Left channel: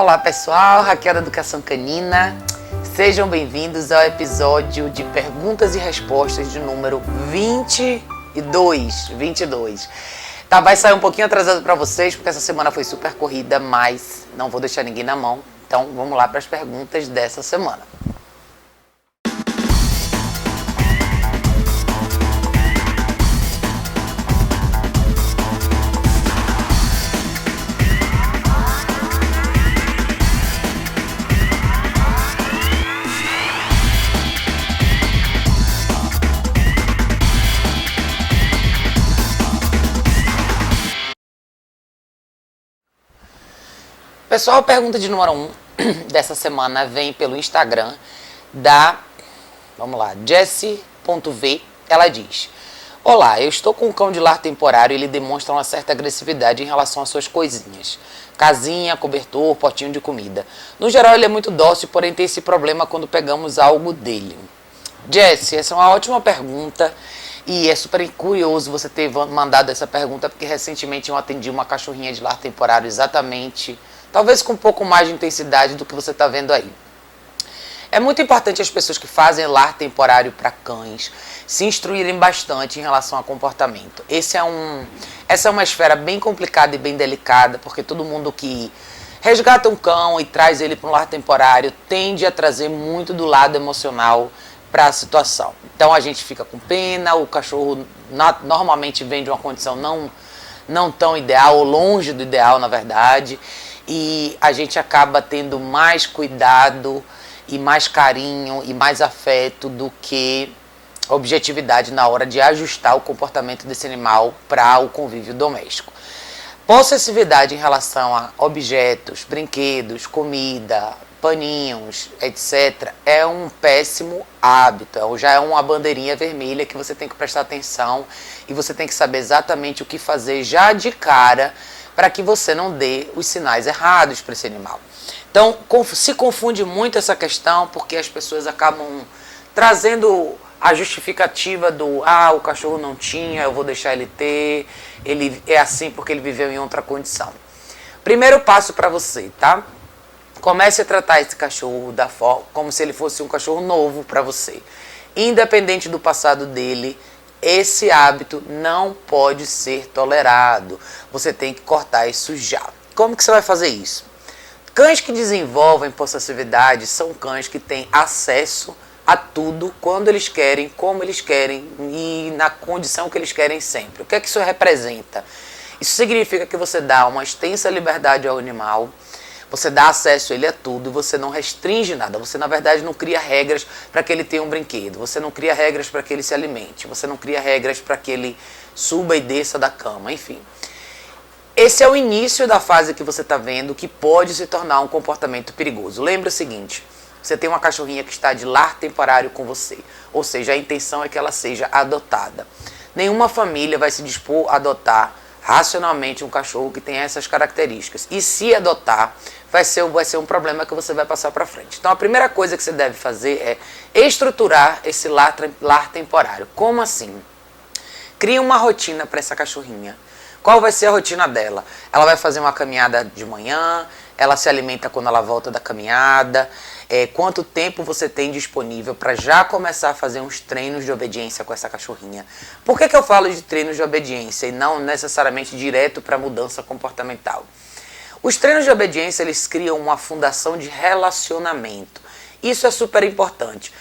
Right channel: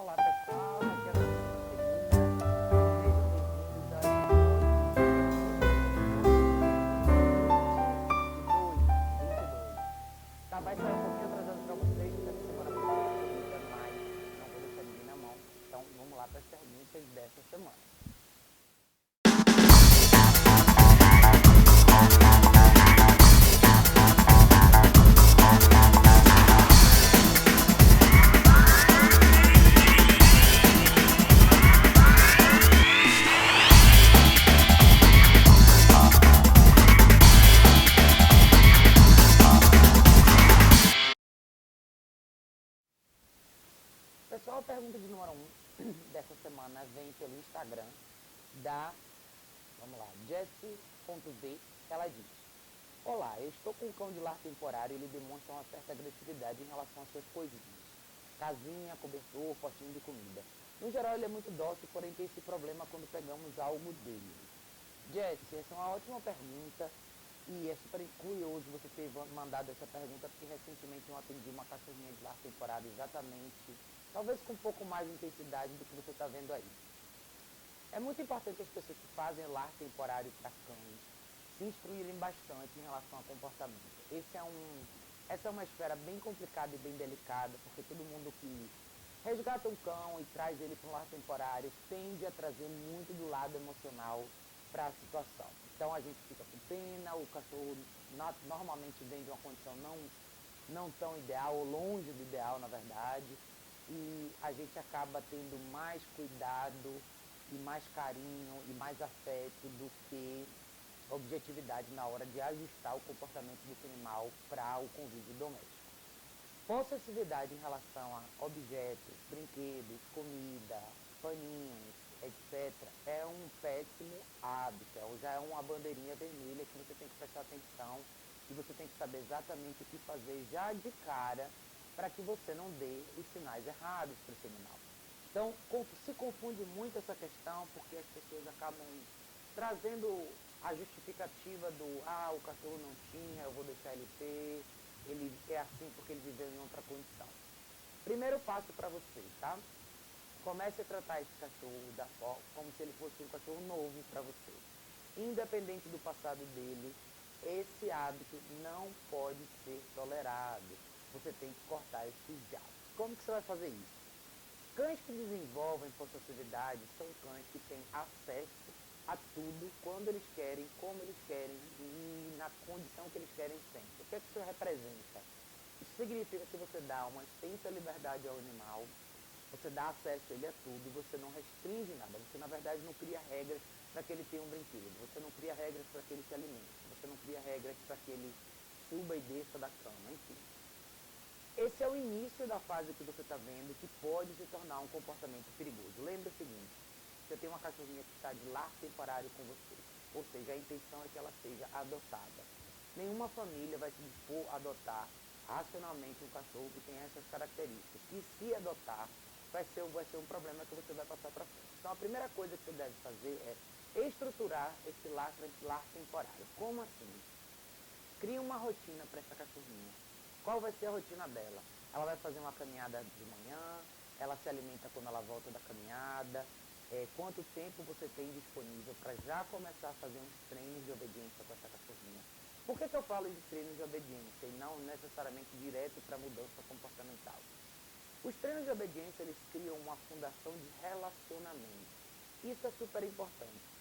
Olá pessoal, Raquel da Educação Canina. Sejam bem-vindos ao episódio de perguntas e respostas de número 22. Tá, vai sair um pouquinho atrasado para vocês, porque essa semana foi super corrida, mas não vou deixar ninguém na mão. Então vamos lá para as perguntas dessa semana. Pessoal, a pergunta de número 1 dessa semana vem pelo Instagram da, Jessie.v. Ela diz: Olá, eu estou com um cão de lar temporário e ele demonstra uma certa agressividade em relação às suas coisinhas. Casinha, cobertor, potinho de comida. No geral ele é muito dócil, porém tem esse problema quando pegamos algo dele. Jessie, essa é uma ótima pergunta. E é super curioso você ter mandado essa pergunta, porque recentemente eu atendi uma cachorrinha de lar temporário exatamente, talvez com um pouco mais de intensidade do que você está vendo aí. É muito importante as pessoas que fazem lar temporário para cães se instruírem bastante em relação a comportamento. Essa é uma esfera bem complicada e bem delicada, porque todo mundo que resgata um cão e traz ele para um lar temporário tende a trazer muito do lado emocional para a situação. Então a gente fica com pena, o cachorro normalmente vem de uma condição não tão ideal, ou longe do ideal, na verdade, e a gente acaba tendo mais cuidado e mais carinho e mais afeto do que objetividade na hora de ajustar o comportamento desse animal para o convívio doméstico. Possessividade em relação a objetos, brinquedos, comida, paninhos, etc., é um péssimo hábito, já é uma bandeirinha vermelha que você tem que prestar atenção e você tem que saber exatamente o que fazer já de cara para que você não dê os sinais errados para esse animal. Então, se confunde muito essa questão porque as pessoas acabam trazendo a justificativa do o cachorro não tinha, eu vou deixar ele ter, ele é assim porque ele viveu em outra condição. Primeiro passo para você, tá? Comece a tratar esse cachorro como se ele fosse um cachorro novo para você. Independente do passado dele, esse hábito não pode ser tolerado. Você tem que cortar isso já. Como que você vai fazer isso? Cães que desenvolvem possessividade são cães que têm acesso a tudo, quando eles querem, como eles querem e na condição que eles querem sempre. O que é que isso representa? Isso significa que você dá uma extensa liberdade ao animal, você dá acesso a ele a tudo, você não restringe nada, você na verdade não cria regras para que ele tenha um brinquedo, você não cria regras para que ele se alimente, você não cria regras para que ele suba e desça da cama, enfim. Esse é o início da fase que você está vendo que pode se tornar um comportamento perigoso. Lembre o seguinte, você tem uma cachorrinha que está de lar temporário com você, ou seja, a intenção é que ela seja adotada. Nenhuma família vai se dispor a adotar racionalmente um cachorro que tem essas características. E se adotar, vai ser um problema que você vai passar para frente. Então a primeira coisa que você deve fazer é estruturar esse lar temporário. Como assim? Crie uma rotina para essa cachorrinha. Qual vai ser a rotina dela? Ela vai fazer uma caminhada de manhã, ela se alimenta quando ela volta da caminhada. Quanto tempo você tem disponível para já começar a fazer uns treinos de obediência com essa cachorrinha? Por que eu falo de treinos de obediência e não necessariamente direto para mudança comportamental? Os treinos de obediência, eles criam uma fundação de relacionamento. Isso é super importante.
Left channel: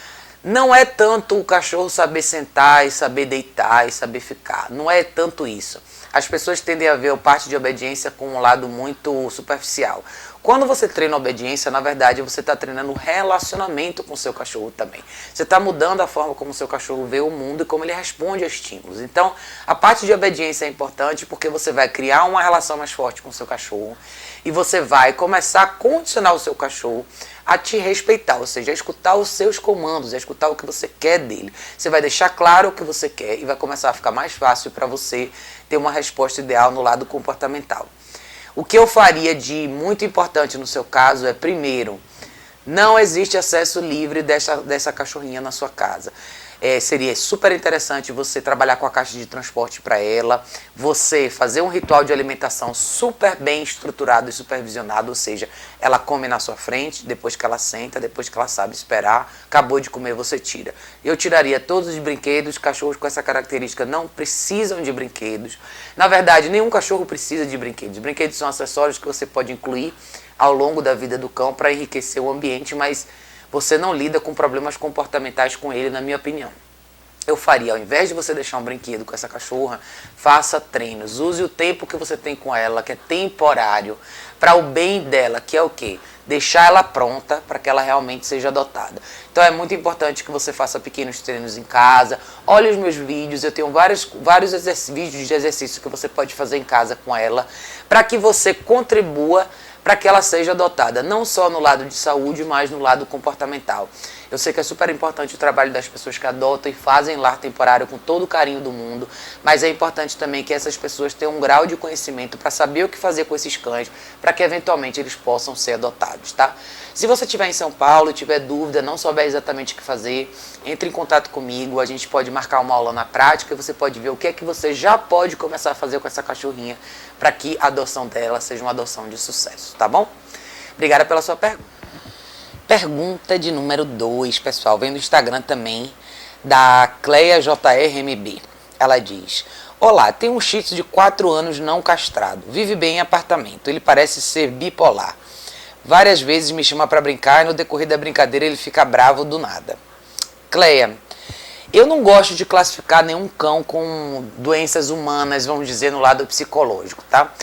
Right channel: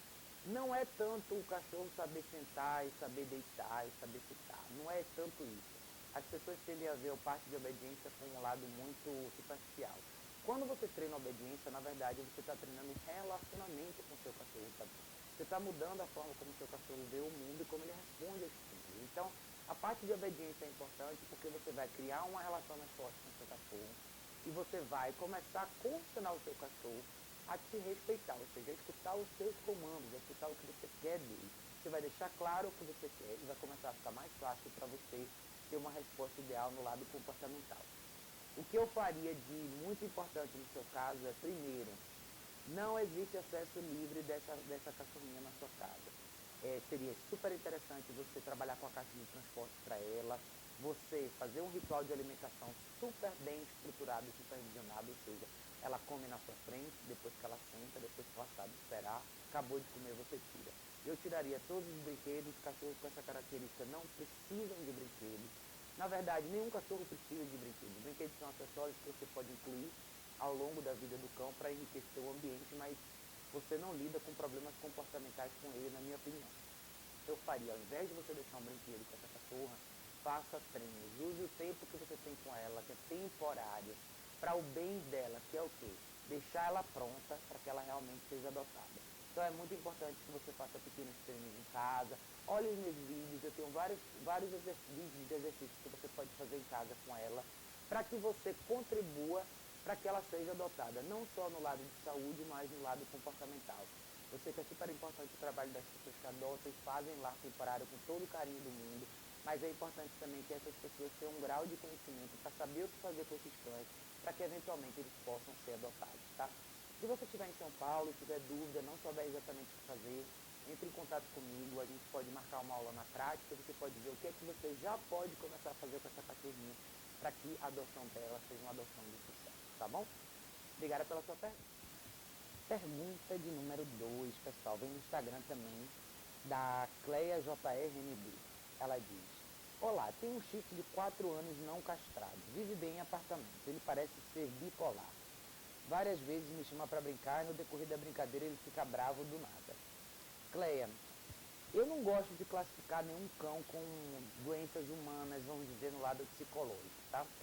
Não é tanto o cachorro saber sentar e saber deitar e saber ficar. Não é tanto isso. As pessoas tendem a ver a parte de obediência com um lado muito superficial. Quando você treina obediência, na verdade, você está treinando relacionamento com o seu cachorro também. Você está mudando a forma como o seu cachorro vê o mundo e como ele responde a estímulos. Então, a parte de obediência é importante porque você vai criar uma relação mais forte com o seu cachorro e você vai começar a condicionar o seu cachorro a te respeitar, ou seja, a escutar os seus comandos, a escutar o que você quer dele. Você vai deixar claro o que você quer e vai começar a ficar mais fácil para você ter uma resposta ideal no lado comportamental. O que eu faria de muito importante no seu caso é, primeiro, não existe acesso livre dessa cachorrinha na sua casa. Seria super interessante você trabalhar com a caixa de transporte para ela, você fazer um ritual de alimentação super bem estruturado e supervisionado, ou seja, ela come na sua frente, depois que ela senta, depois que ela sabe esperar, acabou de comer, você tira. Eu tiraria todos os brinquedos, cachorros com essa característica não precisam de brinquedos. Na verdade, nenhum cachorro precisa de brinquedos. Brinquedos são acessórios que você pode incluir ao longo da vida do cão para enriquecer o ambiente, mas você não lida com problemas comportamentais com ele, na minha opinião. Eu faria, ao invés de você deixar um brinquedo com essa cachorra, faça treinos. Use o tempo que você tem com ela, que é temporário, para o bem dela, que é o quê? Deixar ela pronta para que ela realmente seja adotada. Então é muito importante que você faça pequenos treinos em casa. Olhe os meus vídeos, eu tenho vários vídeos de exercício que você pode fazer em casa com ela, para que você contribua para que ela seja adotada, não só no lado de saúde, mas no lado comportamental. Eu sei que é super importante o trabalho das pessoas que adotam e fazem lar temporário com todo o carinho do mundo, mas é importante também que essas pessoas tenham um grau de conhecimento para saber o que fazer com esses cães, para que eventualmente eles possam ser adotados, tá? Se você estiver em São Paulo e tiver dúvida, não souber exatamente o que fazer, entre em contato comigo, a gente pode marcar uma aula na prática e você pode ver o que é que você já pode começar a fazer com essa cachorrinha para que a adoção dela seja uma adoção de sucesso, tá bom? Obrigada pela sua pergunta. Pergunta de número 2, pessoal, vem do Instagram também, da Cleia JRMB. Ela diz: olá, tenho um shih tzu de 4 anos não castrado, vive bem em apartamento, ele parece ser bipolar. Várias vezes me chama para brincar e no decorrer da brincadeira ele fica bravo do nada. Cleia, eu não gosto de classificar nenhum cão com doenças humanas, vamos dizer, no lado psicológico, tá?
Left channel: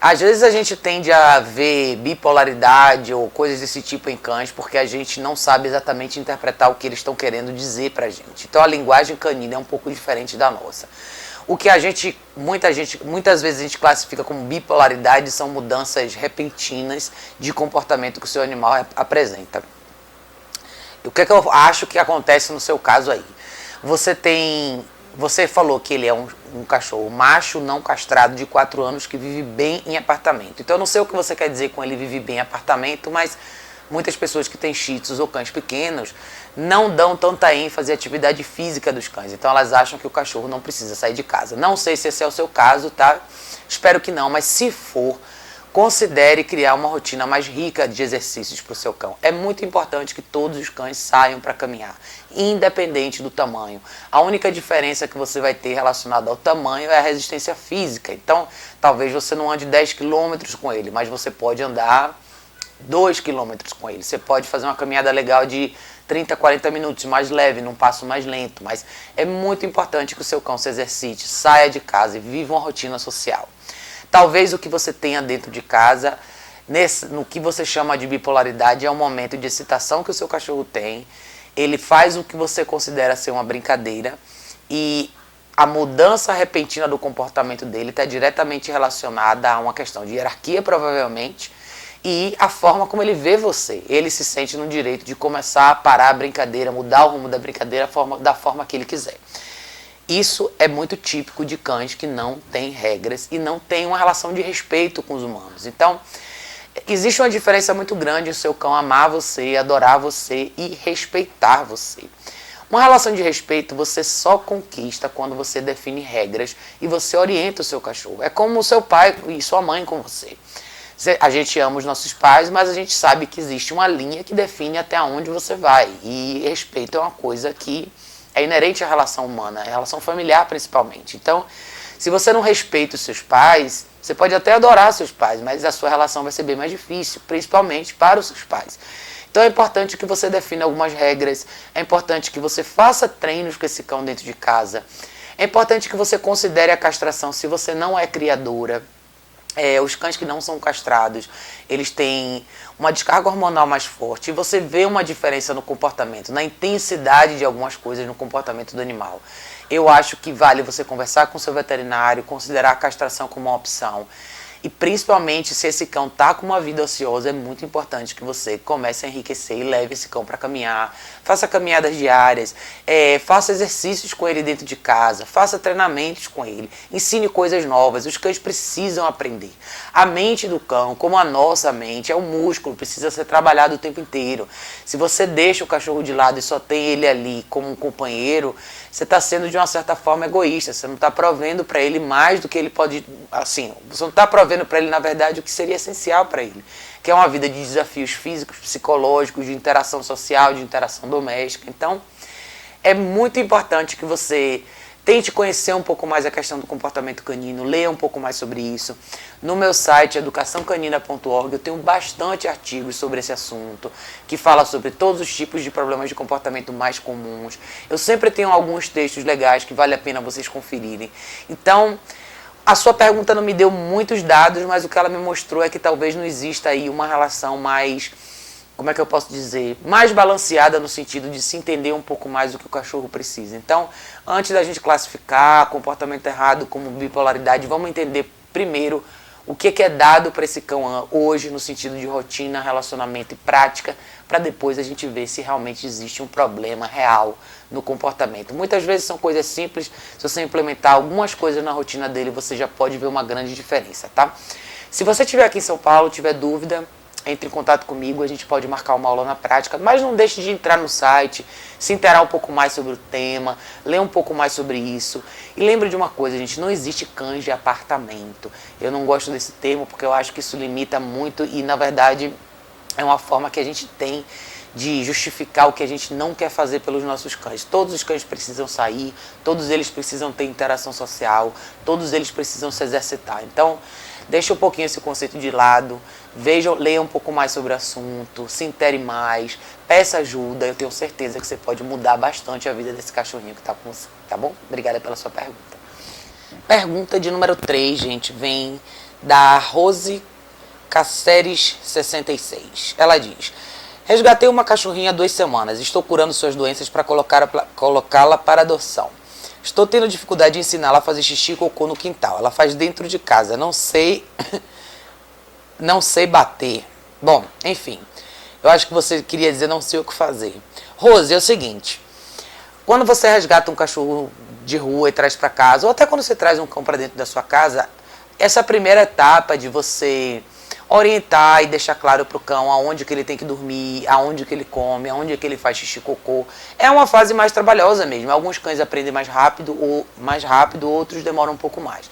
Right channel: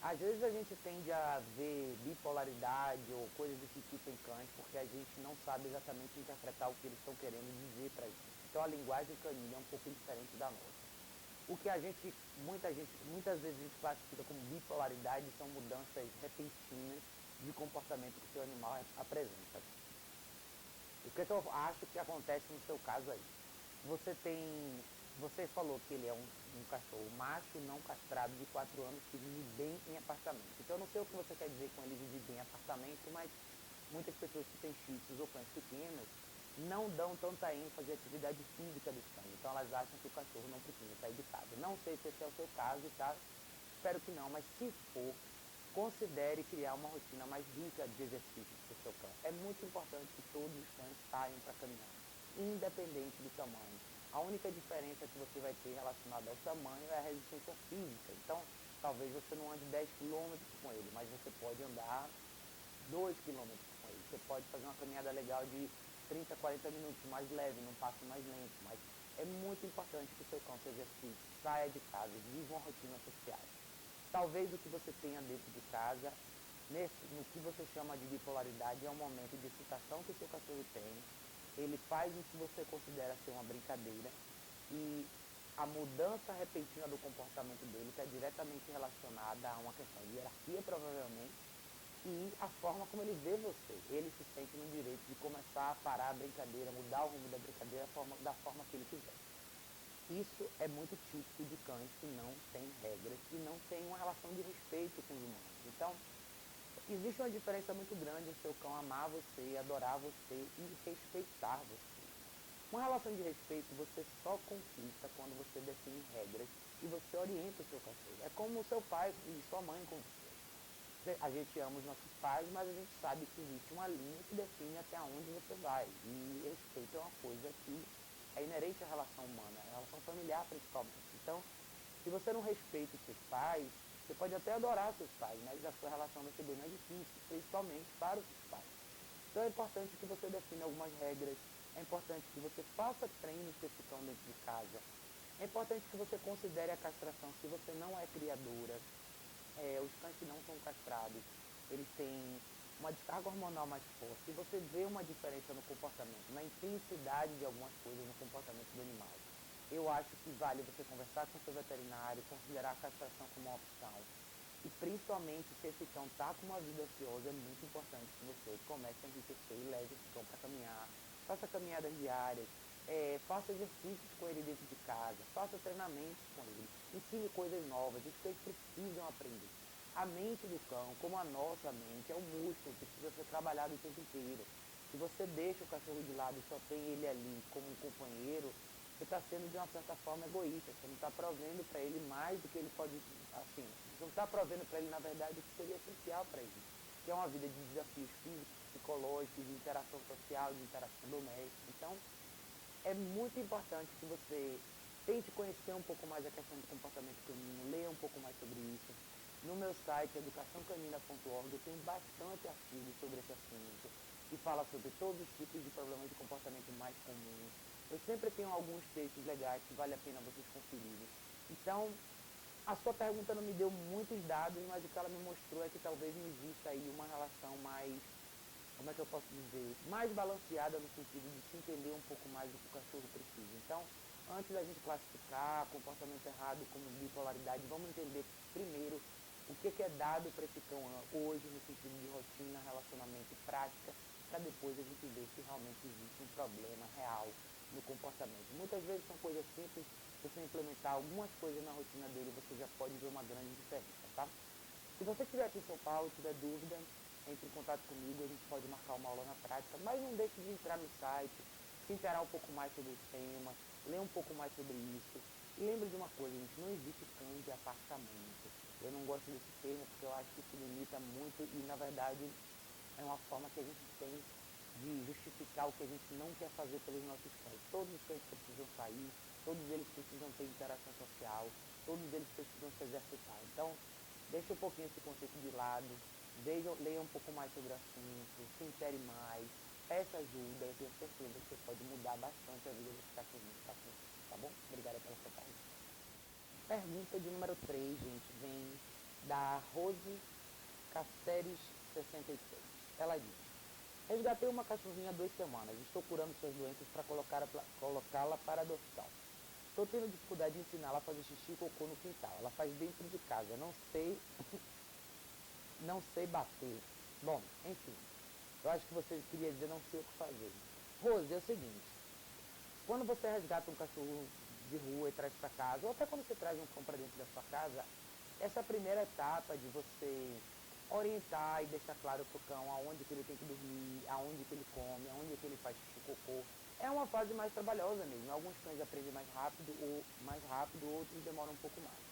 Às vezes a gente tende a ver bipolaridade ou coisas desse tipo em cães porque a gente não sabe exatamente interpretar o que eles estão querendo dizer pra gente. Então a linguagem canina é um pouco diferente da nossa. O que muitas vezes a gente classifica como bipolaridade são mudanças repentinas de comportamento que o seu animal apresenta. E o que é que eu acho que acontece no seu caso aí? Você falou que ele é um cachorro macho não castrado de 4 anos que vive bem em apartamento. Então eu não sei o que você quer dizer com ele vive bem em apartamento, mas muitas pessoas que têm shih tzus ou cães pequenos não dão tanta ênfase à atividade física dos cães. Então elas acham que o cachorro não precisa sair de casa. Não sei se esse é o seu caso, tá? Espero que não, mas se for, considere criar uma rotina mais rica de exercícios para o seu cão. É muito importante que todos os cães saiam para caminhar, independente do tamanho. A única diferença que você vai ter relacionada ao tamanho é a resistência física. Então, talvez você não ande 10 quilômetros com ele, mas você pode andar 2 quilômetros com ele. Você pode fazer uma caminhada legal de 30, 40 minutos, mais leve, num passo mais lento. Mas é muito importante que o seu cão se exercite, saia de casa e viva uma rotina social. Talvez o que você tenha dentro de casa, no que você chama de bipolaridade, é um momento de excitação que o seu cachorro tem. Ele faz o que você considera ser uma brincadeira e a mudança repentina do comportamento dele está diretamente relacionada a uma questão de hierarquia, provavelmente, e a forma como ele vê você. Ele se sente no direito de começar a parar a brincadeira, mudar o rumo da brincadeira da forma que ele quiser. Isso é muito típico de cães que não têm regras e não têm uma relação de respeito com os humanos. Então, existe uma diferença muito grande o seu cão amar você, adorar você e respeitar você. Uma relação de respeito você só conquista quando você define regras e você orienta o seu cachorro. É como o seu pai e sua mãe com você. A gente ama os nossos pais, mas a gente sabe que existe uma linha que define até onde você vai. E respeito é uma coisa que é inerente à relação humana, à relação familiar principalmente. Então, se você não respeita os seus pais, você pode até adorar seus pais, mas a sua relação vai ser bem mais difícil, principalmente para os seus pais. Então é importante que você defina algumas regras, é importante que você faça treinos com esse cão dentro de casa, é importante que você considere a castração se você não é criadora. Os cães que não são castrados, eles têm uma descarga hormonal mais forte e você vê uma diferença no comportamento, na intensidade de algumas coisas no comportamento do animal. Eu acho que vale você conversar com o seu veterinário, considerar a castração como uma opção E principalmente se esse cão tá com uma vida ociosa, é muito importante que você comece a enriquecer e leve esse cão para caminhar, faça caminhadas diárias, faça exercícios com ele dentro de casa, faça treinamentos com ele, ensine coisas novas. Os cães precisam aprender. A mente do cão, como a nossa mente, é um músculo, precisa ser trabalhado o tempo inteiro. Se você deixa o cachorro de lado e só tem ele ali como um companheiro, você está sendo de uma certa forma egoísta, você não está provendo para ele mais do que ele pode, assim, você não está provendo para ele, na verdade, o que seria essencial para ele, que é uma vida de desafios físicos, psicológicos, de interação social, de interação doméstica. Então, é muito importante que você tente conhecer um pouco mais a questão do comportamento canino, leia um pouco mais sobre isso. No meu site, educaçãocanina.org, eu tenho bastante artigos sobre esse assunto, que fala sobre todos os tipos de problemas de comportamento mais comuns. Eu sempre tenho alguns textos legais que vale a pena vocês conferirem. Então, a sua pergunta não me deu muitos dados, mas o que ela me mostrou é que talvez não exista aí uma relação mais, como é que eu posso dizer, mais balanceada no sentido de se entender um pouco mais do que o cachorro precisa. Então, antes da gente classificar comportamento errado como bipolaridade, vamos entender primeiro o que é dado para esse cão hoje no sentido de rotina, relacionamento e prática, para depois a gente ver se realmente existe um problema real no comportamento. Muitas vezes são coisas simples, se você implementar algumas coisas na rotina dele, você já pode ver uma grande diferença, tá? Se você estiver aqui em São Paulo, tiver dúvida, entre em contato comigo, a gente pode marcar uma aula na prática, mas não deixe de entrar no site, se inteirar um pouco mais sobre o tema, ler um pouco mais sobre isso. E lembre de uma coisa, gente, não existe cães de apartamento. Eu não gosto desse termo porque eu acho que isso limita muito e, na verdade, é uma forma que a gente tem de justificar o que a gente não quer fazer pelos nossos cães. Todos os cães precisam sair, todos eles precisam ter interação social, todos eles precisam se exercitar. Então, deixa um pouquinho esse conceito de lado, leia um pouco mais sobre o assunto, se intere mais, peça ajuda. Eu tenho certeza que você pode mudar bastante a vida desse cachorrinho que está com você, tá bom? Obrigada pela sua pergunta. Pergunta de número 3, gente, vem da Rose Cáceres 66. Ela diz: resgatei uma cachorrinha há 2 semanas, estou curando suas doenças para colocá-la para adoção. Estou tendo dificuldade em ensiná-la a fazer xixi e cocô no quintal. Ela faz dentro de casa. Não sei bater. Bom, enfim. Eu acho que você queria dizer não sei o que fazer. Rose, é o seguinte. Quando você resgata um cachorro de rua e traz para casa, ou até quando você traz um cão para dentro da sua casa, essa primeira etapa de você orientar e deixar claro para o cão aonde que ele tem que dormir, aonde que ele come, aonde que ele faz xixi e cocô, é uma fase mais trabalhosa mesmo. Alguns cães aprendem mais rápido, outros demoram um pouco mais.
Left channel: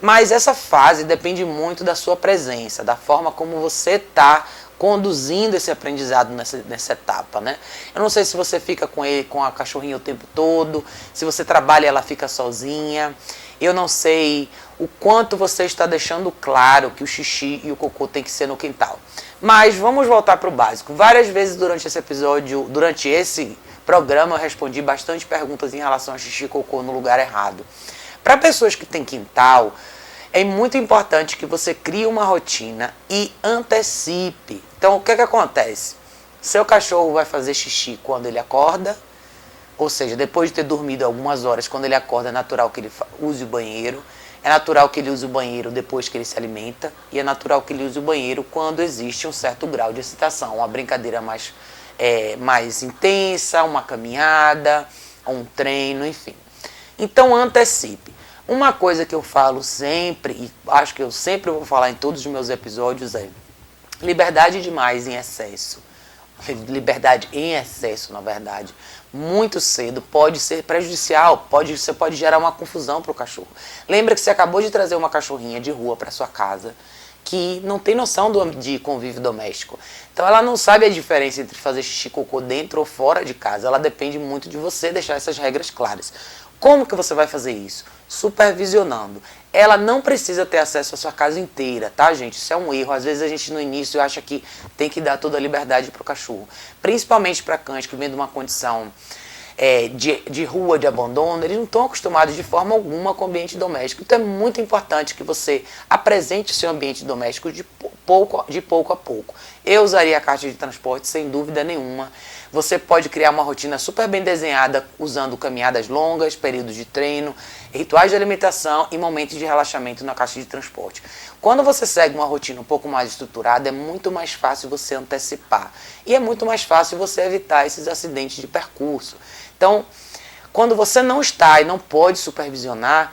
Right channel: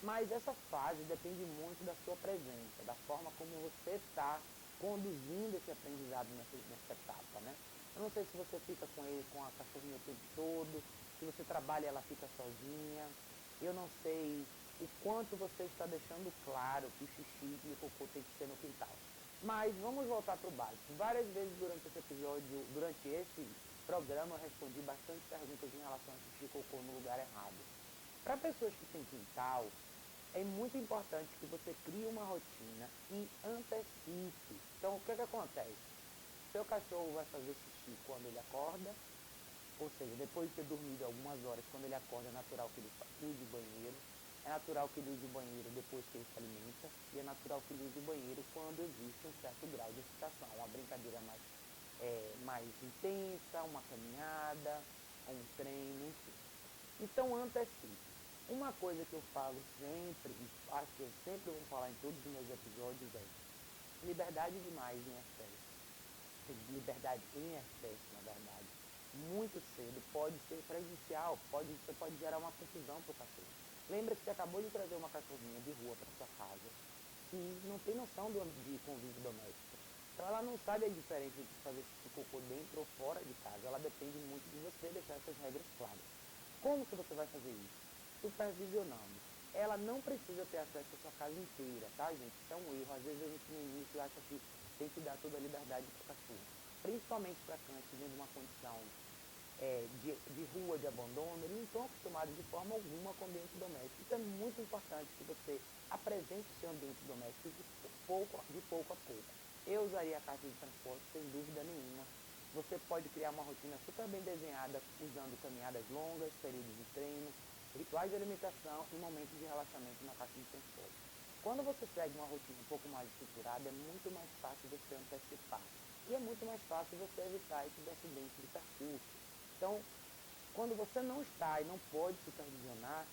Mas essa fase depende muito da sua presença, da forma como você está conduzindo esse aprendizado nessa etapa, né? Eu não sei se você fica com a cachorrinha o tempo todo, se você trabalha e ela fica sozinha. Eu não sei o quanto você está deixando claro que o xixi e o cocô tem que ser no quintal. Mas vamos voltar para o básico. Várias vezes durante esse programa, eu respondi bastante perguntas em relação a xixi e cocô no lugar errado. Para pessoas que têm quintal, é muito importante que você crie uma rotina e antecipe. Então, o que acontece? Seu cachorro vai fazer xixi quando ele acorda, ou seja, depois de ter dormido algumas horas, quando ele acorda, é natural que ele use o banheiro. É natural que ele use o banheiro depois que ele se alimenta. E é natural que ele use o banheiro quando existe um certo grau de excitação. Uma brincadeira mais intensa, uma caminhada, um treino, enfim. Então, antecipe. Uma coisa que eu falo sempre, e acho que eu sempre vou falar em todos os meus episódios, é liberdade demais em excesso. Liberdade em excesso, na verdade, muito cedo pode ser prejudicial, você pode gerar uma confusão para o cachorro. Lembra que você acabou de trazer uma cachorrinha de rua para sua casa que não tem noção de convívio doméstico. Então ela não sabe a diferença entre fazer xixi e cocô dentro ou fora de casa. Ela depende muito de você deixar essas regras claras. Como que você vai fazer isso? Supervisionando. Ela não precisa ter acesso à sua casa inteira, tá, gente? Isso é um erro. Às vezes a gente no início acha que tem que dar toda a liberdade para o cachorro. Principalmente para cães que vêm de uma condição de rua, de abandono, eles não estão acostumados de forma alguma com o ambiente doméstico. Então é muito importante que você apresente o seu ambiente doméstico de pouco a pouco. Eu usaria a caixa de transporte sem dúvida nenhuma. Você pode criar uma rotina super bem desenhada usando caminhadas longas, períodos de treino, rituais de alimentação e momentos de relaxamento na caixa de transporte. Quando você segue uma rotina um pouco mais estruturada, é muito mais fácil você antecipar. E é muito mais fácil você evitar esses acidentes de percurso. Então, quando você não está e não pode supervisionar,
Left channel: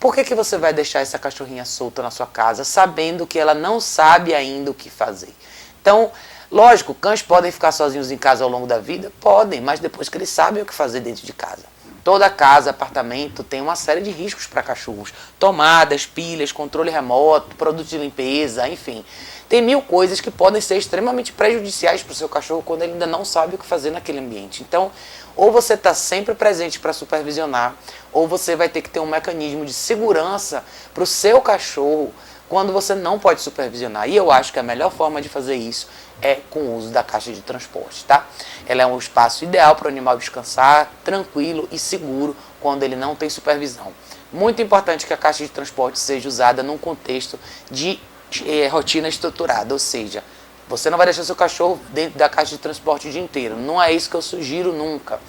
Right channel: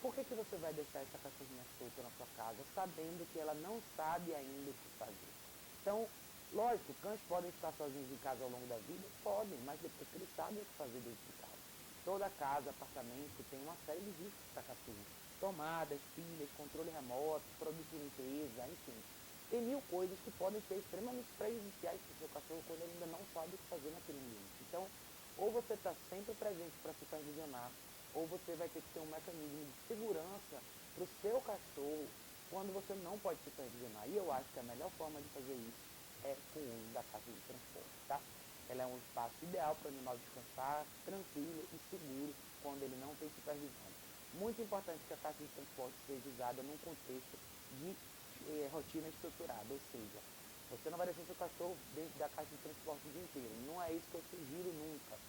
por que você vai deixar essa cachorrinha solta na sua casa, sabendo que ela não sabe ainda o que fazer? Então, lógico, cães podem ficar sozinhos em casa ao longo da vida? Podem, mas depois que eles sabem o que fazer dentro de casa. Toda casa, apartamento, tem uma série de riscos para cachorros. Tomadas, pilhas, controle remoto, produtos de limpeza, enfim. Tem mil coisas que podem ser extremamente prejudiciais para o seu cachorro quando ele ainda não sabe o que fazer naquele ambiente. Então, ou você está sempre presente para supervisionar, ou você vai ter que ter um mecanismo de segurança para o seu cachorro quando você não pode supervisionar. E eu acho que a melhor forma de fazer isso é com o uso da caixa de transporte, tá? Ela é um espaço ideal para o animal descansar, tranquilo e seguro quando ele não tem supervisão. Muito importante que a caixa de transporte seja usada num contexto de rotina estruturada, ou seja, você não vai deixar seu cachorro dentro da caixa de transporte o dia inteiro. Não é isso que eu sugiro nunca.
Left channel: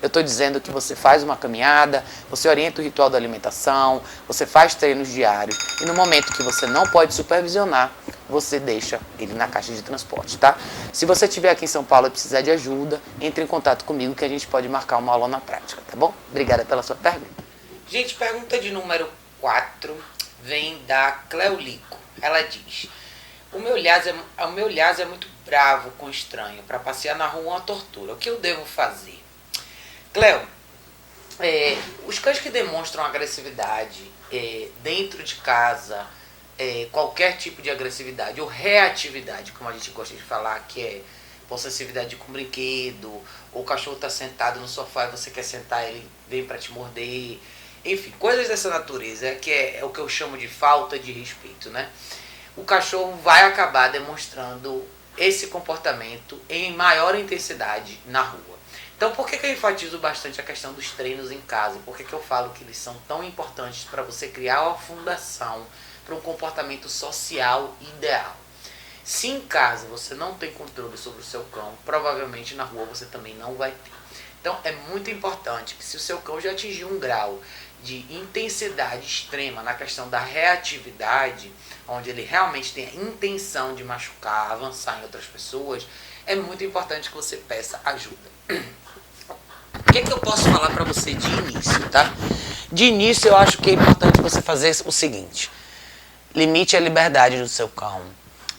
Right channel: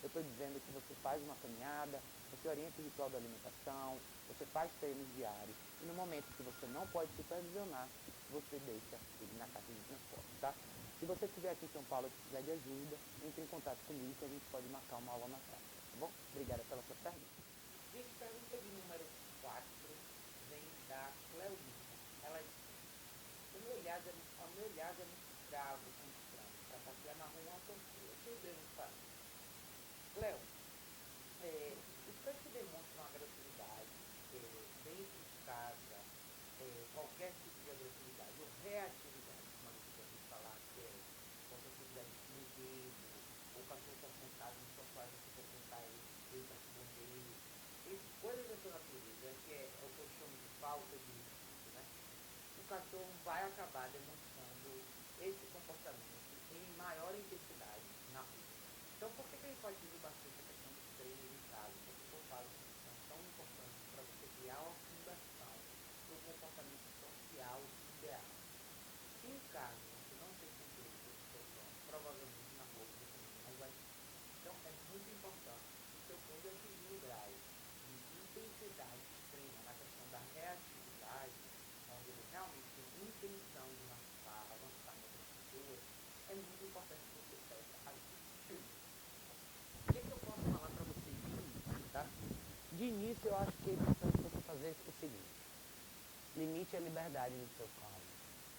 Eu estou dizendo que você faz uma caminhada, você orienta o ritual da alimentação, você faz treinos diários e no momento que você não pode supervisionar, você deixa ele na caixa de transporte, tá? Se você estiver aqui em São Paulo e precisar de ajuda, entre em contato comigo que a gente pode marcar uma aula na prática, tá bom? Obrigada pela sua pergunta. Gente, pergunta de número 4 vem da Cleolico. Ela diz: O meu Lhasa é muito bravo com estranho. Para passear na rua é uma tortura. O que eu devo fazer? Cleo, os cães que demonstram agressividade dentro de casa, qualquer tipo de agressividade ou reatividade, como a gente gosta de falar, que é possessividade com brinquedo, ou o cachorro está sentado no sofá e você quer sentar, ele vem para te morder. Enfim, coisas dessa natureza, que é o que eu chamo de falta de respeito, né? O cachorro vai acabar demonstrando esse comportamento em maior intensidade na rua. Então, por que eu enfatizo bastante a questão dos treinos em casa? Por que eu falo que eles são tão importantes para você criar uma fundação para um comportamento social ideal? Se em casa você não tem controle sobre o seu cão, provavelmente na rua você também não vai ter. Então, é muito importante que se o seu cão já atingir um grau de intensidade extrema na questão da reatividade, onde ele realmente tem a intenção de machucar, avançar em outras pessoas, é muito importante que você peça ajuda. O que eu posso falar para você de início, tá? De início, eu acho que é importante você fazer o seguinte: limite a liberdade do seu cão.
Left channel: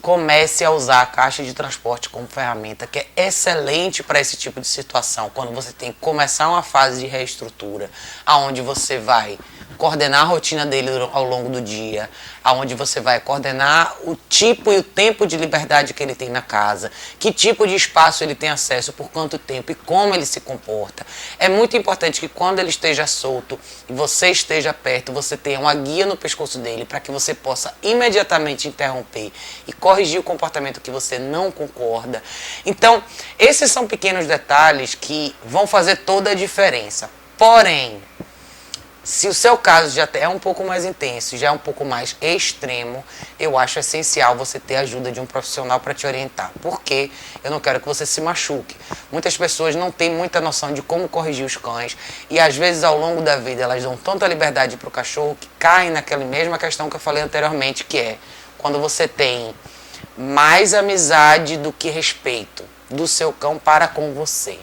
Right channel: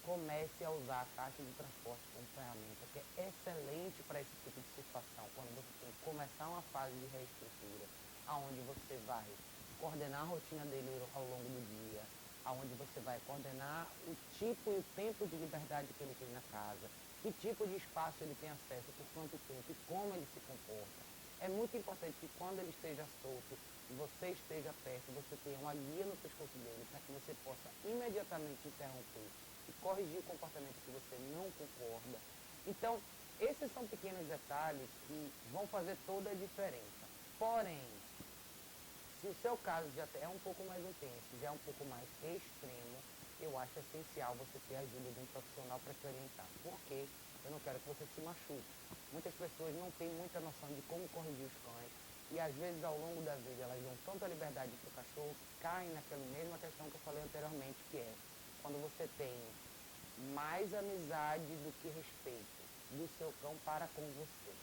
Comece a usar a caixa de transporte como ferramenta, que é excelente para esse tipo de situação, quando você tem que começar uma fase de reestrutura, aonde você vai coordenar a rotina dele ao longo do dia, aonde você vai coordenar o tipo e o tempo de liberdade que ele tem na casa, que tipo de espaço ele tem acesso, por quanto tempo e como ele se comporta. É muito importante que quando ele esteja solto e você esteja perto, você tenha uma guia no pescoço dele para que você possa imediatamente interromper e corrigir o comportamento que você não concorda. Então, esses são pequenos detalhes que vão fazer toda a diferença. Porém, se o seu caso já é um pouco mais intenso, já é um pouco mais extremo, eu acho essencial você ter a ajuda de um profissional para te orientar. Porque eu não quero que você se machuque. Muitas pessoas não têm muita noção de como corrigir os cães e às vezes ao longo da vida elas dão tanta liberdade para o cachorro que caem naquela mesma questão que eu falei anteriormente, que é quando você tem mais amizade do que respeito do seu cão para com você.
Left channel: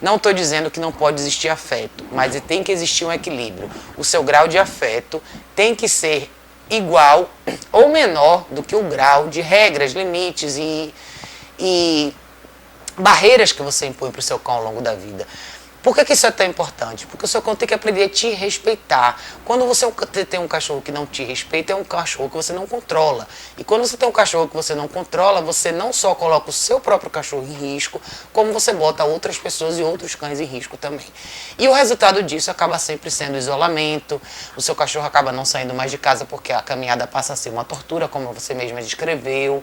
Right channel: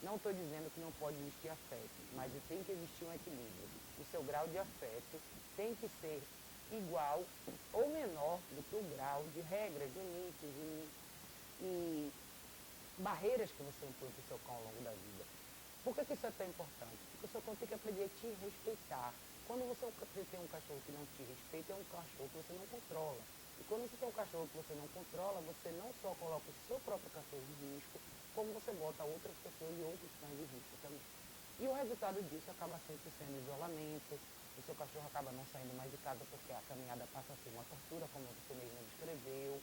Não estou dizendo que não pode existir afeto, mas tem que existir um equilíbrio. O seu grau de afeto tem que ser igual ou menor do que o grau de regras, limites e barreiras que você impõe para o seu cão ao longo da vida. Por que isso é tão importante? Porque o seu cão tem que aprender a te respeitar. Quando você tem um cachorro que não te respeita, é um cachorro que você não controla. E quando você tem um cachorro que você não controla, você não só coloca o seu próprio cachorro em risco, como você bota outras pessoas e outros cães em risco também. E o resultado disso acaba sempre sendo isolamento, o seu cachorro acaba não saindo mais de casa porque a caminhada passa a ser uma tortura, como você mesma descreveu,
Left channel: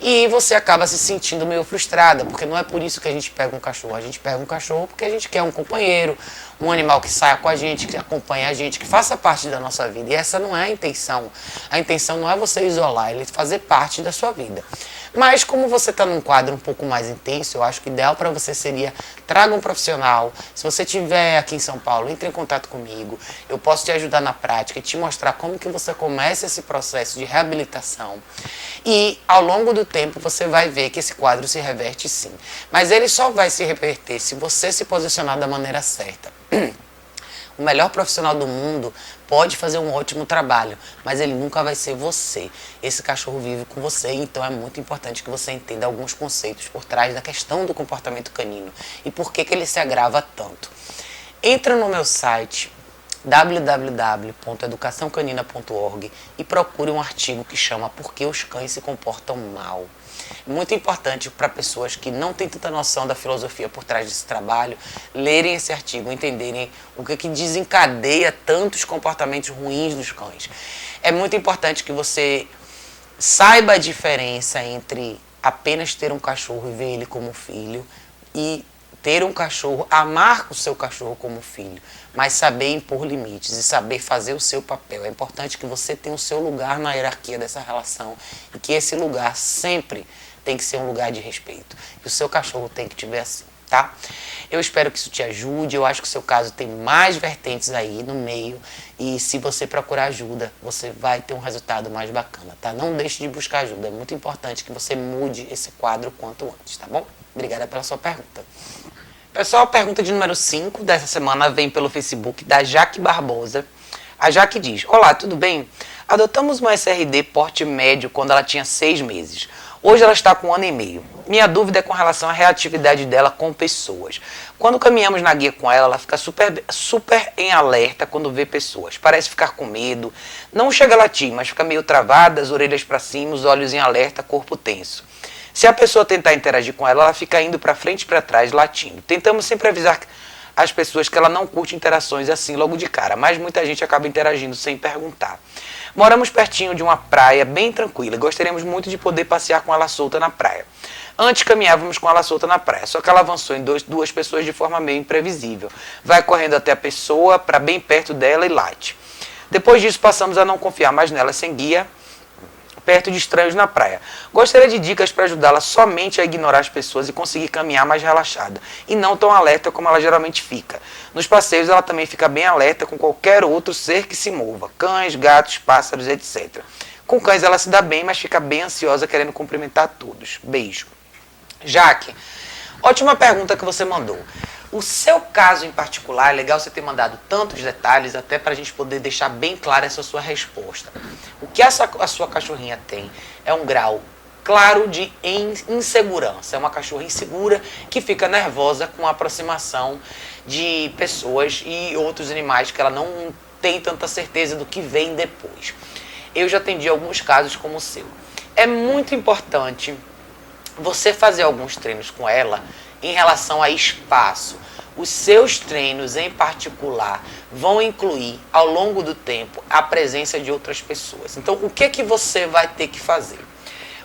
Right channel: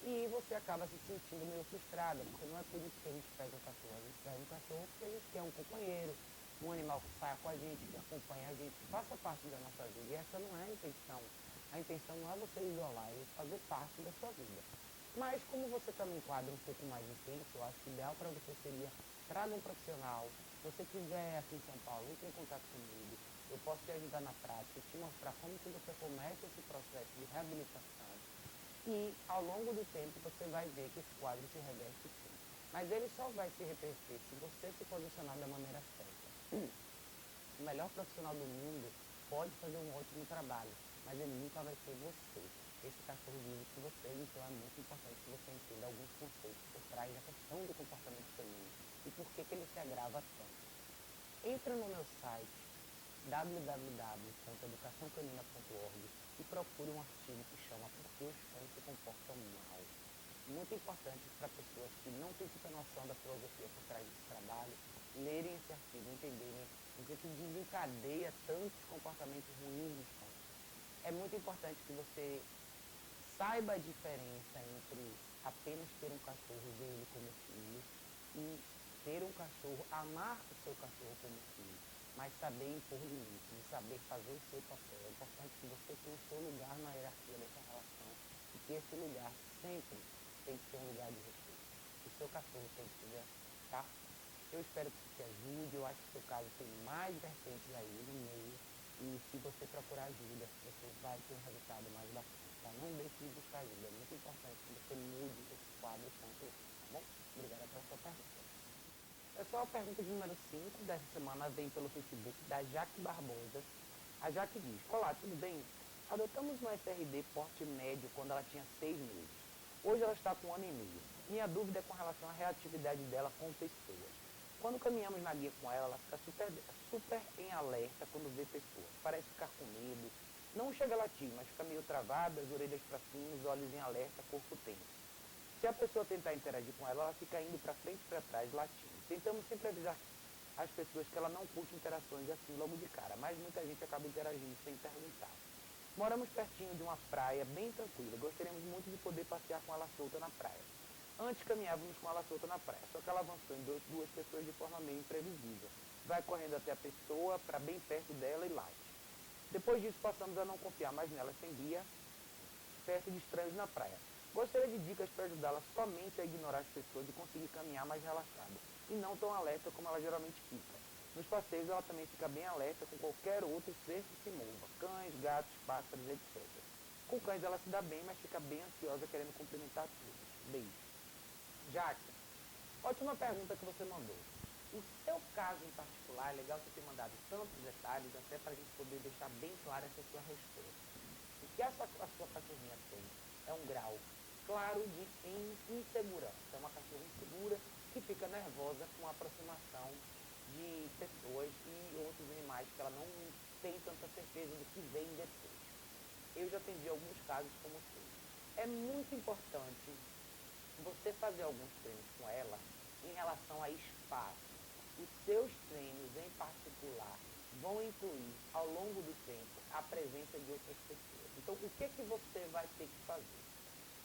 e você acaba se sentindo meio frustrada, porque não é por isso que a gente pega um cachorro. A gente pega um cachorro porque a gente quer um um companheiro, um animal que saia com a gente, que acompanhe a gente, que faça parte da nossa vida. E essa não é a intenção. A intenção não é você isolar, ele fazer parte da sua vida. Mas como você está num quadro um pouco mais intenso, eu acho que o ideal para você seria traga um profissional. Se você estiver aqui em São Paulo, entre em contato comigo. Eu posso te ajudar na prática e te mostrar como que você começa esse processo de reabilitação. E ao longo do tempo você vai ver que esse quadro se reverte sim. Mas ele só vai se reverter se você se posicionar da maneira certa. O melhor profissional do mundo pode fazer um ótimo trabalho, mas ele nunca vai ser você. Esse cachorro vive com você, então é muito importante que você entenda alguns conceitos por trás da questão do comportamento canino e por que ele se agrava tanto. Entra no meu site www.educaçãocanina.org e procure um artigo que chama Por que os cães se comportam mal. Muito importante para pessoas que não têm tanta noção da filosofia por trás desse trabalho, lerem esse artigo, entenderem o que desencadeia tantos comportamentos ruins dos cães. É muito importante que você saiba a diferença entre apenas ter um cachorro e ver ele como filho e ter um cachorro, amar o seu cachorro como filho, mas saber impor limites e saber fazer o seu papel. É importante que você tenha o seu lugar na hierarquia dessa relação e que esse lugar sempre tem que ser um lugar de respeito. E o seu cachorro tem que te ver assim, tá? Eu espero que isso te ajude. Eu acho que o seu caso tem mais vertentes aí no meio e se você procurar ajuda, você vai ter um resultado mais bacana, tá? Não deixe de buscar ajuda. É muito importante que você mude esse quadro quanto antes, tá bom? Obrigada pela sua pergunta. Pessoal, a pergunta de número 5 dessa semana vem pelo Facebook da Jaque Barbosa. A Jaque diz: Olá, tudo bem? Adotamos uma SRD porte médio quando ela tinha 6 meses. Hoje ela está com 1 ano e meio. Minha dúvida é com relação à reatividade dela com pessoas. Quando caminhamos na guia com ela, ela fica super em alerta quando vê pessoas. Parece ficar com medo. Não chega a latir, mas fica meio travada, as orelhas para cima, os olhos em alerta, corpo tenso. Se a pessoa tentar interagir com ela, ela fica indo para frente e para trás, latindo. Tentamos sempre avisar as pessoas que ela não curte interações assim logo de cara, mas muita gente acaba interagindo sem perguntar. Moramos pertinho de uma praia bem tranquila e gostaríamos muito de poder passear com ela solta na praia. Antes caminhávamos com ela solta na praia, só que ela avançou em duas pessoas de forma meio imprevisível. Vai correndo até a pessoa, para bem perto dela e late. Depois disso passamos a não confiar mais nela sem guia, perto de estranhos na praia. Gostaria de dicas para ajudá-la somente a ignorar as pessoas e conseguir caminhar mais relaxada, e não tão alerta como ela geralmente fica. Nos passeios ela também fica bem alerta com qualquer outro ser que se mova, cães, gatos, pássaros, etc. Com cães ela se dá bem, mas fica bem ansiosa querendo cumprimentar todos. Beijo. Jaque, ótima pergunta que você mandou. O seu caso em particular, é legal você ter mandado tantos detalhes, até para a gente poder deixar bem clara essa sua resposta. O que a sua cachorrinha tem é um grau claro de insegurança. É uma cachorra insegura que fica nervosa com a aproximação de pessoas e outros animais que ela não tem tanta certeza do que vem depois. Eu já atendi alguns casos como o seu. É muito importante você fazer alguns treinos com ela em relação a espaço. Os seus treinos em particular vão incluir ao longo do tempo a presença de outras pessoas. Então o que você vai ter que fazer?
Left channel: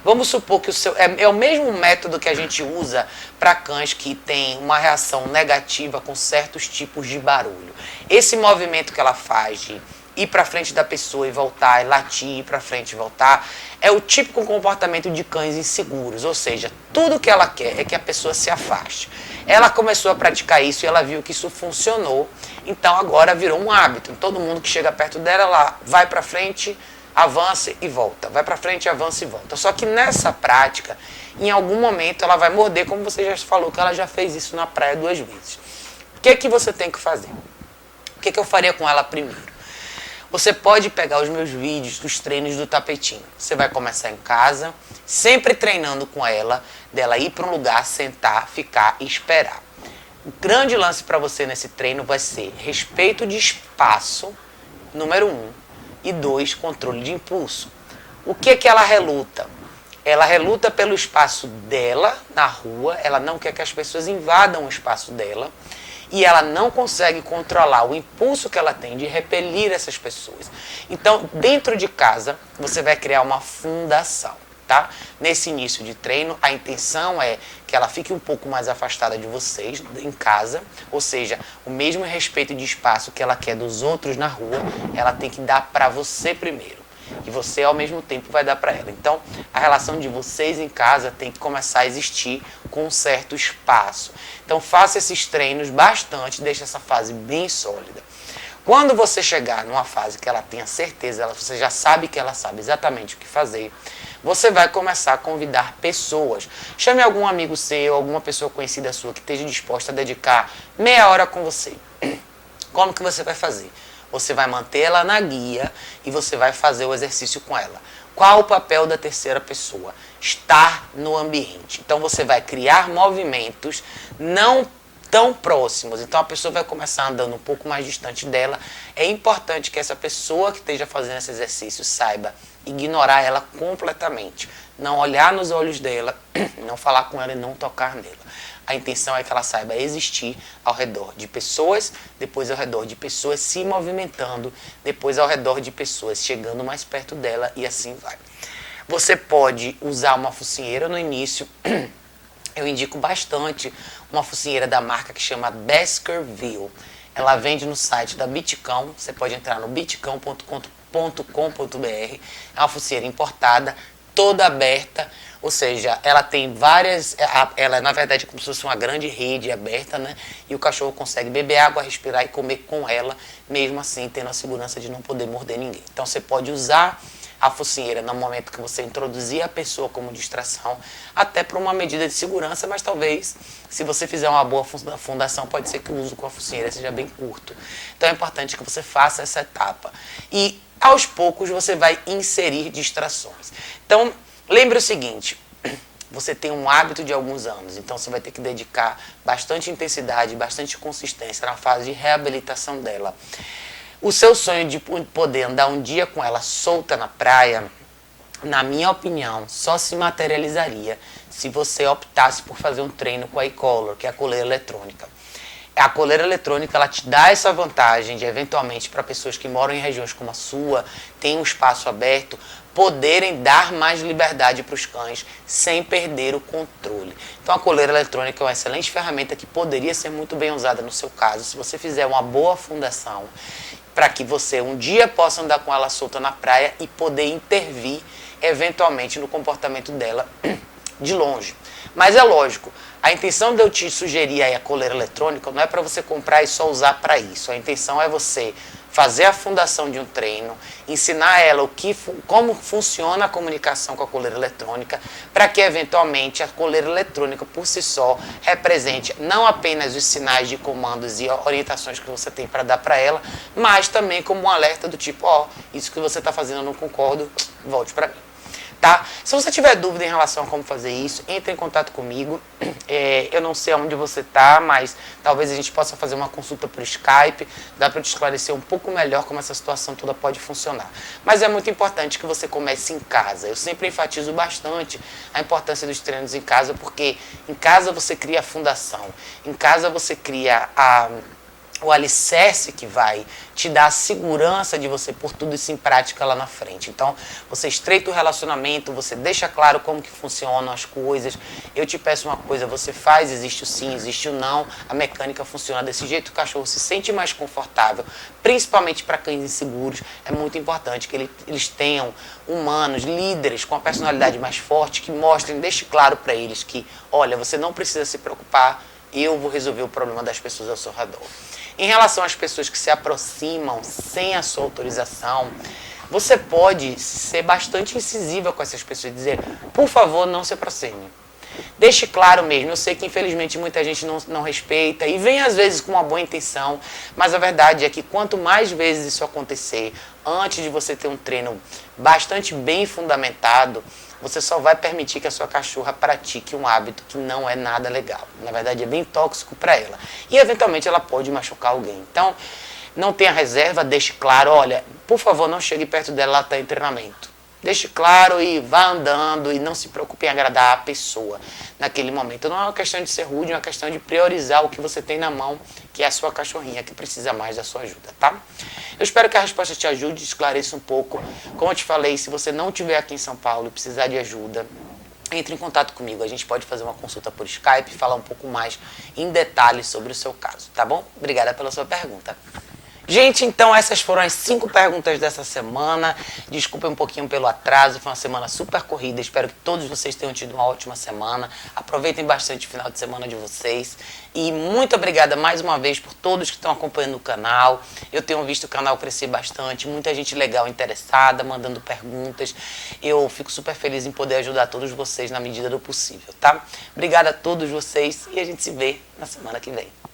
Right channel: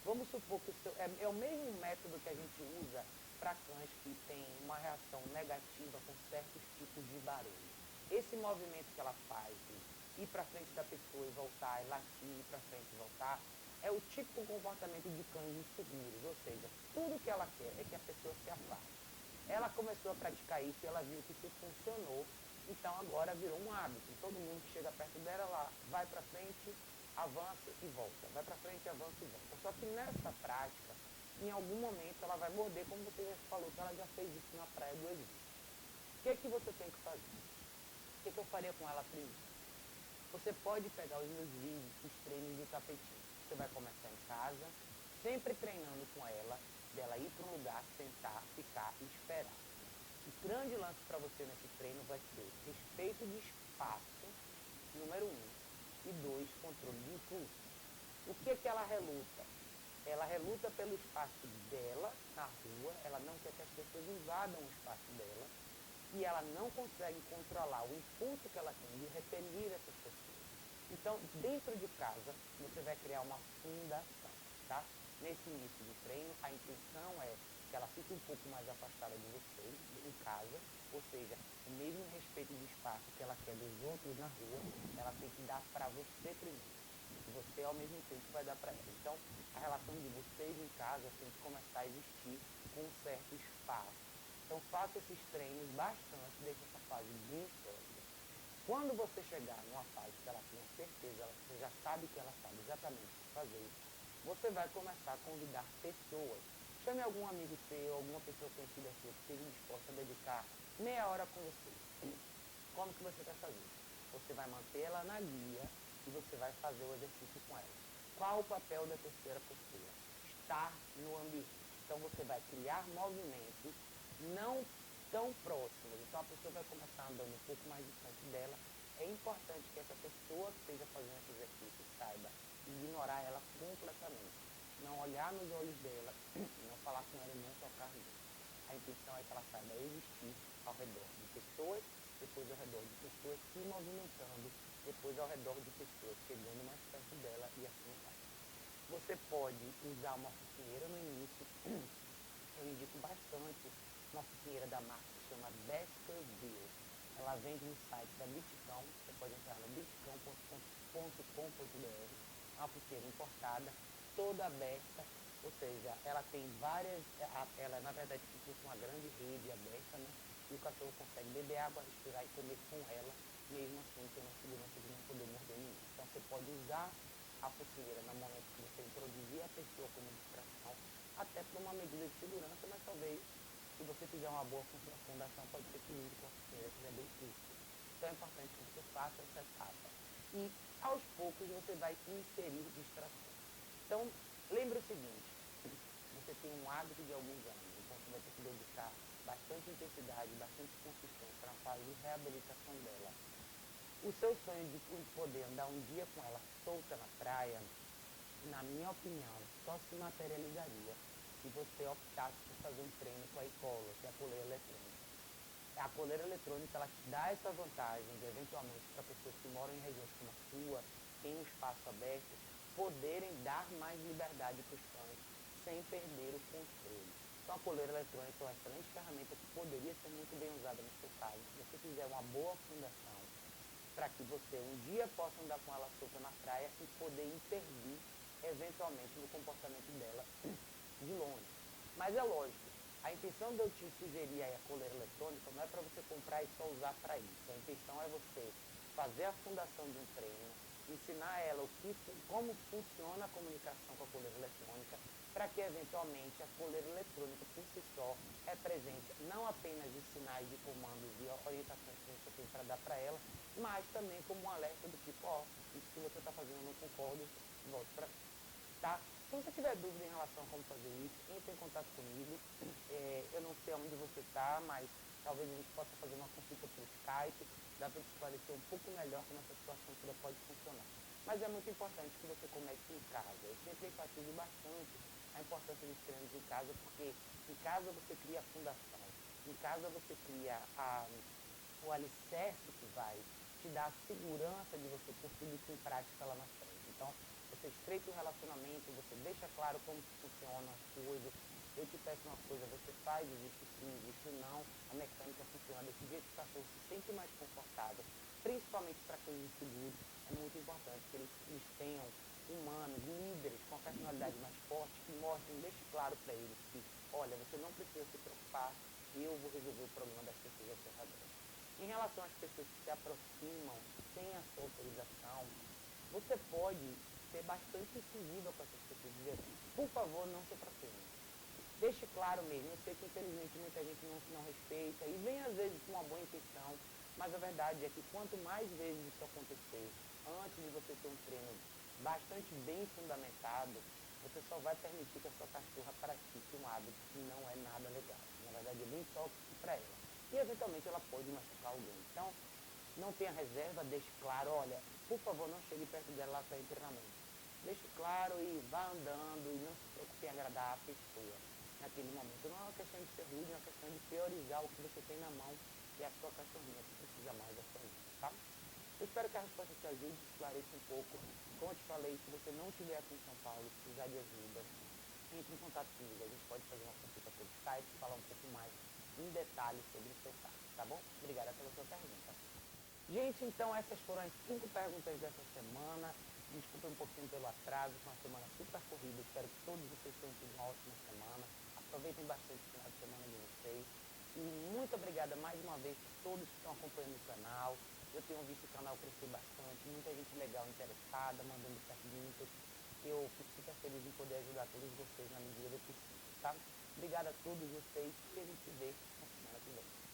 Vamos supor que é o mesmo método que a gente usa para cães que têm uma reação negativa com certos tipos de barulho. Esse movimento que ela faz de ir para frente da pessoa e voltar, e latir, ir para frente e voltar, é o típico comportamento de cães inseguros, ou seja, tudo que ela quer é que a pessoa se afaste. Ela começou a praticar isso e ela viu que isso funcionou, então agora virou um hábito. Todo mundo que chega perto dela, ela vai para frente, avança e volta, vai para frente, avança e volta. Só que nessa prática, em algum momento ela vai morder, como você já falou que ela já fez isso na praia 2 vezes. O que você tem que fazer? O que eu faria com ela primeiro? Você pode pegar os meus vídeos dos treinos do tapetinho. Você vai começar em casa, sempre treinando com ela, dela ir para um lugar, sentar, ficar e esperar. O grande lance para você nesse treino vai ser respeito de espaço, número 1, e 2, controle de impulso. O que ela reluta? Ela reluta pelo espaço dela na rua, ela não quer que as pessoas invadam o espaço dela, e ela não consegue controlar o impulso que ela tem de repelir essas pessoas. Então, dentro de casa, você vai criar uma fundação. tá? Nesse início de treino, a intenção é que ela fique um pouco mais afastada de vocês em casa, ou seja, o mesmo respeito de espaço que ela quer dos outros na rua, ela tem que dar para você primeiro. E você, ao mesmo tempo, vai dar para ela. Então, a relação de vocês em casa tem que começar a existir com um certo espaço. Então, faça esses treinos bastante, deixe essa fase bem sólida. Quando você chegar numa fase que ela tenha certeza, você já sabe que ela sabe exatamente o que fazer, você vai começar a convidar pessoas. Chame algum amigo seu, alguma pessoa conhecida sua que esteja disposta a dedicar meia hora com você. Como que você vai fazer? Você vai manter ela na guia e você vai fazer o exercício com ela. Qual o papel da terceira pessoa? Estar no ambiente. Então você vai criar movimentos não tão próximos. Então a pessoa vai começar andando um pouco mais distante dela. É importante que essa pessoa que esteja fazendo esse exercício saiba ignorar ela completamente. Não olhar nos olhos dela, não falar com ela e não tocar nela. A intenção é que ela saiba existir ao redor de pessoas, depois ao redor de pessoas se movimentando, depois ao redor de pessoas chegando mais perto dela e assim vai. Você pode usar uma focinheira no início. Eu indico bastante uma focinheira da marca que chama Baskerville. Ela vende no site da Bitcão. Você pode entrar no bitcão.com.br. É uma focinheira importada, toda aberta. Ou seja, ela tem várias, ela na verdade é como se fosse uma grande rede aberta, né? E o cachorro consegue beber água, respirar e comer com ela, mesmo assim tendo a segurança de não poder morder ninguém. Então você pode usar a focinheira no momento que você introduzir a pessoa como distração, até para uma medida de segurança, mas talvez, se você fizer uma boa fundação, pode ser que o uso com a focinheira seja bem curto. Então é importante que você faça essa etapa. E aos poucos você vai inserir distrações. Então, lembre o seguinte, você tem um hábito de alguns anos, então você vai ter que dedicar bastante intensidade, bastante consistência na fase de reabilitação dela. O seu sonho de poder andar um dia com ela solta na praia, na minha opinião, só se materializaria se você optasse por fazer um treino com a e-collar, que é a coleira eletrônica. A coleira eletrônica, ela te dá essa vantagem de, eventualmente, para pessoas que moram em regiões como a sua, tem um espaço aberto, poderem dar mais liberdade para os cães sem perder o controle. Então a coleira eletrônica é uma excelente ferramenta que poderia ser muito bem usada no seu caso, se você fizer uma boa fundação, para que você um dia possa andar com ela solta na praia e poder intervir, eventualmente, no comportamento dela de longe. Mas é lógico, a intenção de eu te sugerir aí a coleira eletrônica não é para você comprar e só usar para isso. A intenção é você fazer a fundação de um treino, ensinar ela como funciona a comunicação com a coleira eletrônica, para que eventualmente a coleira eletrônica por si só represente não apenas os sinais de comandos e orientações que você tem para dar para ela, mas também como um alerta do tipo, isso que você está fazendo eu não concordo, volte para mim. Tá? Se você tiver dúvida em relação a como fazer isso, entre em contato comigo. Eu não sei onde você está, mas talvez a gente possa fazer uma consulta por Skype. Dá para eu te esclarecer um pouco melhor como essa situação toda pode funcionar. Mas é muito importante que você comece em casa. Eu sempre enfatizo bastante a importância dos treinos em casa, porque em casa você cria a fundação, em casa você cria o alicerce que vai te dar a segurança de você pôr tudo isso em prática lá na frente. Então, você estreita o relacionamento, você deixa claro como que funcionam as coisas. Eu te peço uma coisa, você faz, existe o sim, existe o não, a mecânica funciona desse jeito, o cachorro se sente mais confortável, principalmente para cães inseguros. É muito importante que eles tenham humanos, líderes com a personalidade mais forte, que mostrem, deixe claro para eles que, olha, você não precisa se preocupar, eu vou resolver o problema das pessoas ao seu redor. Em relação às pessoas que se aproximam sem a sua autorização, você pode ser bastante incisiva com essas pessoas e dizer, por favor, não se aproxime. Deixe claro mesmo, eu sei que infelizmente muita gente não respeita e vem às vezes com uma boa intenção, mas a verdade é que quanto mais vezes isso acontecer, antes de você ter um treino bastante bem fundamentado, você só vai permitir que a sua cachorra pratique um hábito que não é nada legal. Na verdade, é bem tóxico para ela. E, eventualmente, ela pode machucar alguém. Então, não tenha reserva, deixe claro, olha, por favor, não chegue perto dela, ela está em treinamento. deixe claro e vá andando e não se preocupe em agradar a pessoa naquele momento. Não é uma questão de ser rude, é uma questão de priorizar o que você tem na mão, que é a sua cachorrinha, que precisa mais da sua ajuda, tá? Eu espero que a resposta te ajude, esclareça um pouco. Como eu te falei, se você não estiver aqui em São Paulo e precisar de ajuda, entre em contato comigo. A gente pode fazer uma consulta por Skype e falar um pouco mais em detalhes sobre o seu caso, tá bom? Obrigada pela sua pergunta. Gente, então essas foram as 5 perguntas dessa semana. Desculpem um pouquinho pelo atraso, foi uma semana super corrida. Espero que todos vocês tenham tido uma ótima semana. Aproveitem bastante o final de semana de vocês. E muito obrigada mais uma vez por todos que estão acompanhando o canal. Eu tenho visto o canal crescer bastante, muita gente legal interessada, mandando perguntas. Eu fico super feliz em poder ajudar todos vocês na medida do possível, tá? Obrigada a todos vocês e a gente se vê na semana que vem.